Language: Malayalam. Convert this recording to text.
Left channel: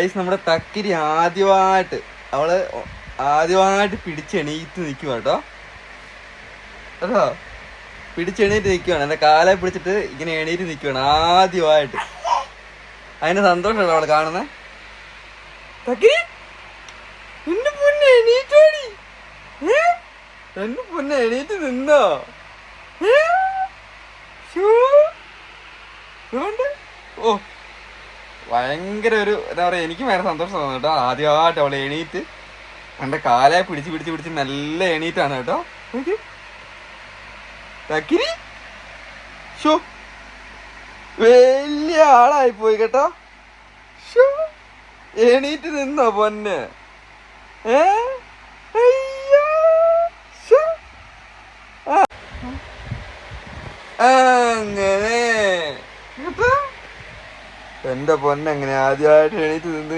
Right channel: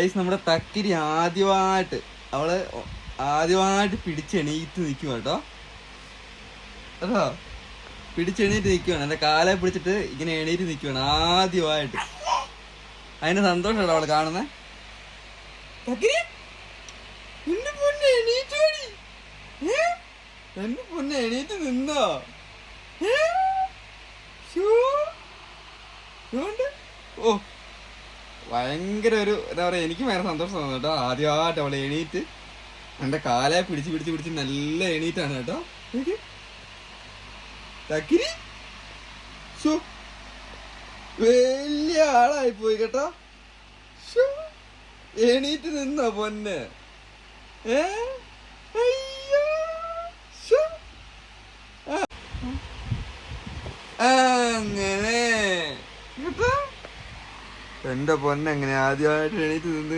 ഗൈസ്, നമ്മുടെ തക്കിരി ആദ്യമായിട്ട് പിടിച്ചെണീറ്റ് നിൽക്കുക കേട്ടോ. അതോ പിടിച്ചെണീറ്റ് നിൽക്കുവാണ്. എന്റെ കാലെ പിടിച്ചിട്ട് ഇങ്ങനെ എണീറ്റ് നിൽക്കുവാണ് ആദ്യമായിട്ട്. അതിന്റെ സന്തോഷമല്ലോ അവള് കാണുന്നേ. തക്കിരി എന്റെ പൊന്നെ എണീറ്റോടി, എന്റെ പൊന്നെ എണീറ്റ് നിന്നോ? ഓ, ഭയങ്കര ഒരു എന്താ പറയാ, എനിക്ക് ഭയങ്കര സന്തോഷം തോന്നുന്നു കേട്ടോ. ആദ്യമായിട്ട് അവളെ എണീറ്റ് എന്റെ കാലെ പിടിച്ച് നല്ല എണീറ്റാണ് കേട്ടോ. തക്കിരി വലിയ ആളായി പോയി കേട്ടോ. എണീറ്റ് നിന്നോ പൊന്നെ? അങ്ങനെ എന്റെ പൊന്നെ, അങ്ങനെ ആദ്യമായിട്ട് എണീറ്റ് നിന്ന്